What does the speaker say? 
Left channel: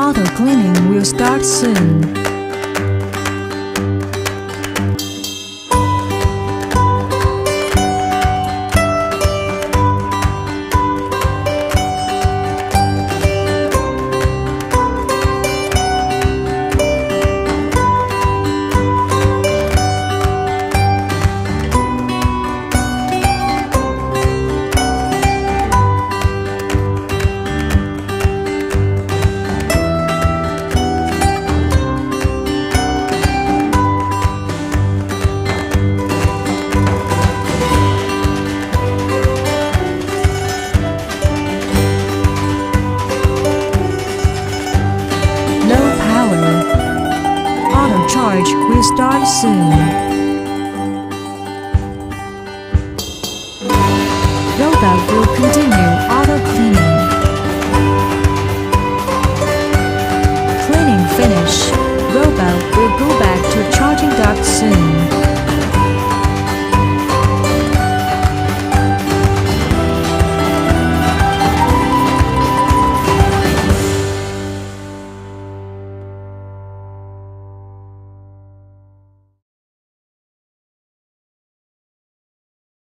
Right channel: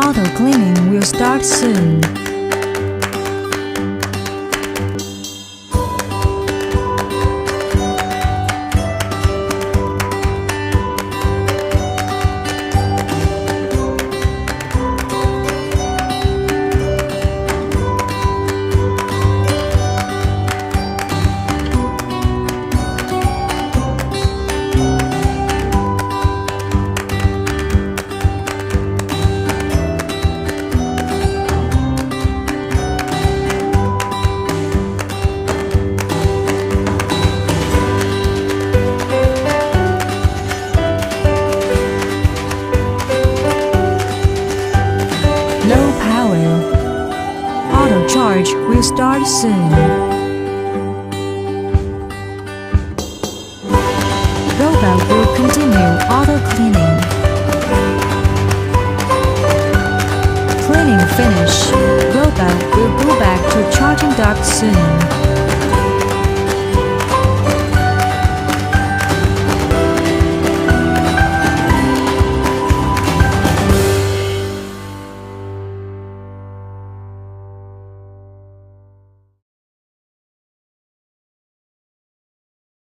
Auto cleaning will start soon. Low power. Auto charge will start soon. Robot will continue auto cleaning. Cleaning finish. Robot will go back to charging dock soon.